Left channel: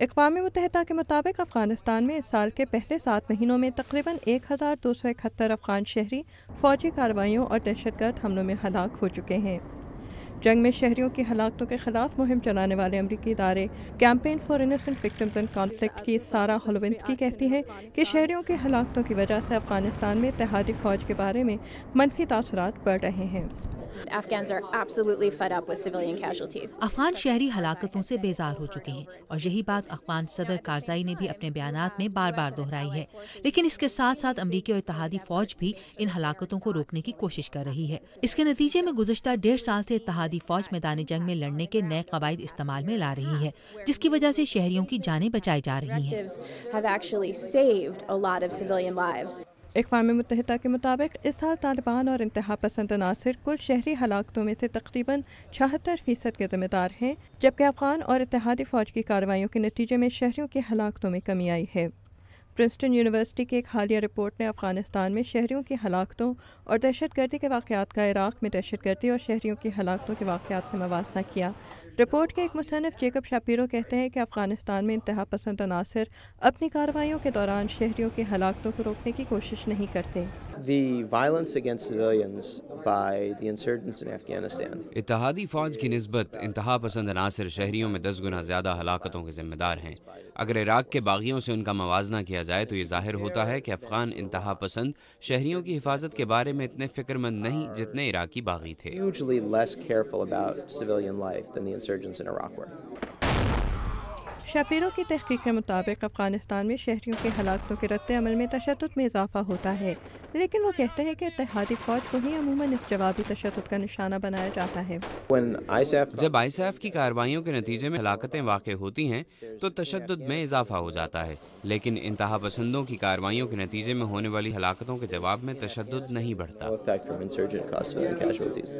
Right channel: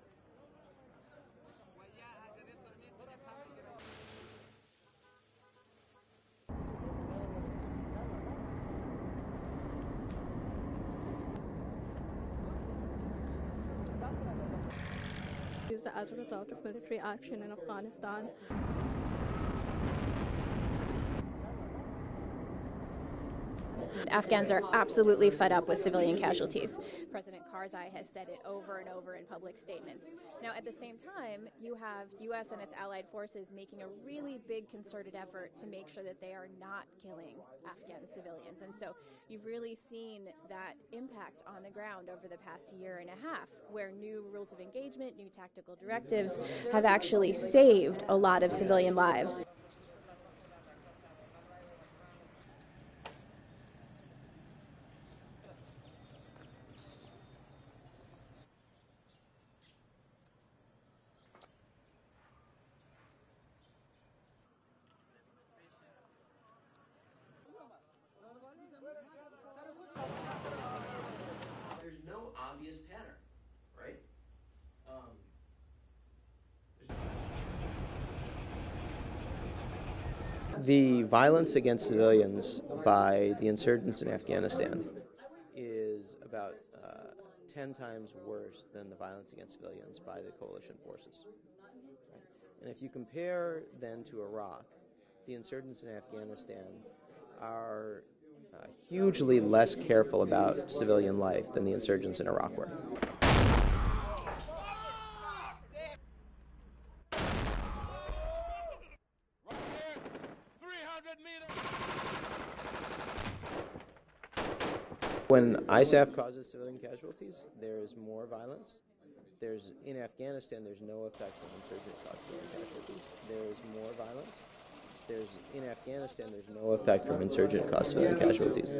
اقوام متحدہ کے مطابق افغانستان میں اس سال کے پہلے 7 مہینوں میں تقریباً 1271 افغان شہری فوجی کارروائیوں اور دہشت گرد حملوں میں ہلاک ہو چکے ہیں۔ جنگ میں شہریوں کی ہلاکتوں کے خلاف مہم چلانے والے امریکی ادارے campaign for innocent victims in conflict کی سارا ہولونسکی کہتی ہیں کہ شہریوں کی ہلاکتوں کی وجہ سے افغانستان میں اتحادی فوج کے بارے میں منفی تاثرات بڑھ رہے ہیں۔ Afghans are absolutely fed up with civilian casualties. Afghan شہری ہلاکتوں سے بیزار ہو چکے ہیں اور یہی بات افغان صدر کارزائی نے بھی اپنے بیانات میں بار بار دہرائی ہے، لیکن اس کے ساتھ ساتھ امریکی اور اتحادی فوج بھی ان ہلاکتوں کو روکنے کی کوشش کر رہی ہے۔ اس کے نتیجے میں گزشتہ 1.5 سال سے اتحادی فوج میدان جنگ میں لڑنے کے نئے قواعد استعمال میں لا رہی ہے، جس کی وجہ سے شہریوں کی جانیں بچائی جا رہی ہیں۔ Have actually saved a lot of civilian lives. اقوام متحدہ کے مطابق اس سال طالبان اور انتہا پسند عناصر کل شہری ہلاکتوں میں سے تقریباً 76% کے ذمہ دار ہیں، جبکہ افغان اور اتحادی فوج کی کارروائیوں کے نتیجے میں شہریوں کی ہلاکتوں میں کمی آئی ہے۔ پرنسٹن یونیورسٹی کی ایک حالیہ رپورٹ نے افغانستان میں شہریوں کی ہلاکتوں اور دہشت گردی کے واقعات کا عراق میں دہشت گردی اور شہریوں کی ہلاکتوں کے واقعات سے موازنہ کیا۔ رپورٹ کے ایک مصنف جیکب شاپیرو کہتے ہیں کہ افغانستان میں انتہا پسند عناصر اپنی کارروائیوں کے دوران شہریوں کی ہلاکتوں کو روکنے کی کوشش نہیں کرتے۔ The violence against civilians by the insurgents in Afghanistan. اتحادی فوج کی نسبت انتہا پسند عناصر شہریوں میں 10 گنا زیادہ ہلاکتوں کے ذمہ دار ہیں۔ اگر عراق کے باغیوں سے ان کا موازنہ کیا جائے تو یہ ظاہر ہوتا ہے کہ افغان انتہا پسند شہریوں کی حفاظت کے بارے میں اتنے فکر مند نہیں جتنے عراقی باغی تھے۔ Hugely less careful about civilian life than the insurgents in Iraq were. شاپیرو کی تحقیق کے مطابق افغانستان میں شہریوں کے ہلاکتوں کے رد عمل میں تشدد میں اضافہ ہوتا ہے، لیکن وہ کہتے ہیں کہ اتحادی فوج کو ہی عموماً اس جوابی تشدد کا نشانہ بنایا جاتا ہے۔ When ISAF جب ISAF کی کارروائیوں کے نتیجے میں ہلاکتیں واقع ہوتی ہیں تو تشدد میں اضافہ ہو جاتا ہے، لیکن انتہا پسندوں کی کارروائیوں کے نتیجے میں ہونے والی ہلاکتوں کے جواب میں تشدد نہیں بڑھتا۔ no effect from insurgent caused civilian casualties.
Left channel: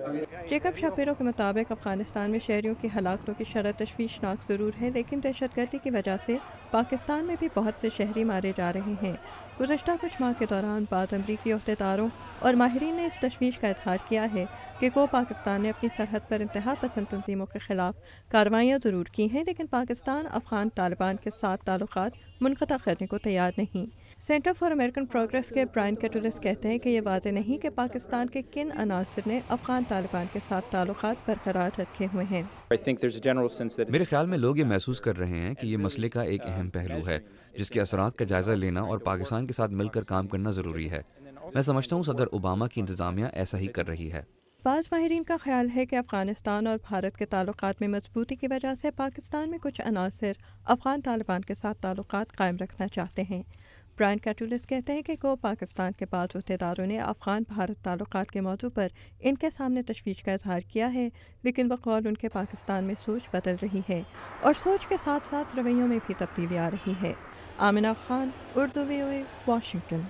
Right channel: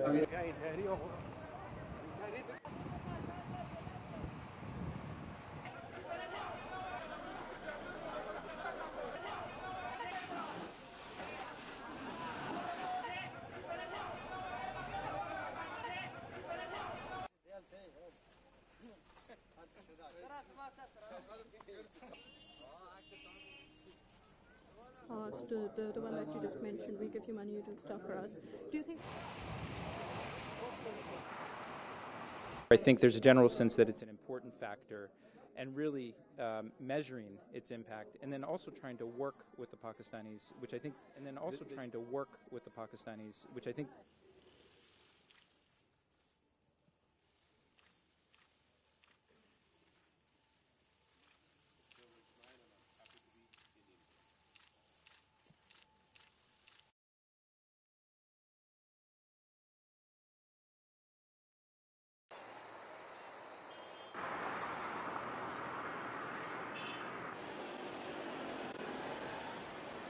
Jacob Shapiro کے مطابق افغانستان میں شہریوں کی ہلاکتوں کی شرح تشویشناک ضرور ہے، لیکن دہشت گردی کی وجہ سے پاکستان میں بھی بہت سے شہری مارے جا رہے ہیں۔ گزشتہ کچھ ماہ کے دوران بعض امریکی عہدیداروں اور ماہرین نے اس تشویش کا اظہار کیا ہے کہ پاکستان نے اپنی سرحد پر انتہا پسند تنظیموں کے خلاف کارروائیاں ضرور کی ہیں، لیکن پاکستان افغان طالبان کے ساتھ تعلقات منقطع کرنے کو تیار نہیں۔ سینٹر فار امریکن پروگریس کے برائن کیٹولس کہتے ہیں کہ یہ واضح نہیں کہ پاکستان کے کن عناصر نے افغان طالبان کے ساتھ تعلقات برقرار رکھے ہوئے ہیں۔ میرے خیال میں لوگ یہ محسوس کر رہے ہیں کہ یہ مسئلے کا ایک اہم پہلو ہے جس کے اثرات کا جائزہ لینا اور پاکستان کے ساتھ مل کر کام کرنا ضروری ہے۔ میں سمجھتا ہوں صدر اوباما کی انتظامیہ ایسا ہی کر رہی ہے۔ بعض ماہرین کا خیال ہے کہ افغانستان اور بھارت کے تعلقات میں مضبوطی کی وجہ سے پاکستان میں کچھ عناصر افغان طالبان کے ساتھ تعلقات قائم رکھنا چاہتے ہیں۔ برائن کیٹولس کہتے ہیں کہ پاکستان کے بعض عہدیداروں نے افغان بھارت تعلقات کے موضوع پر ان کے سامنے تشویش کا اظہار کیا ہے، لیکن بقول ان کے پاکستان میں سوچ بدل رہی ہے اور سوچ کے ساتھ ساتھ رویوں میں بھی تبدیلی آ رہی ہے۔ Amna Khan, Urdu VOA، Washington.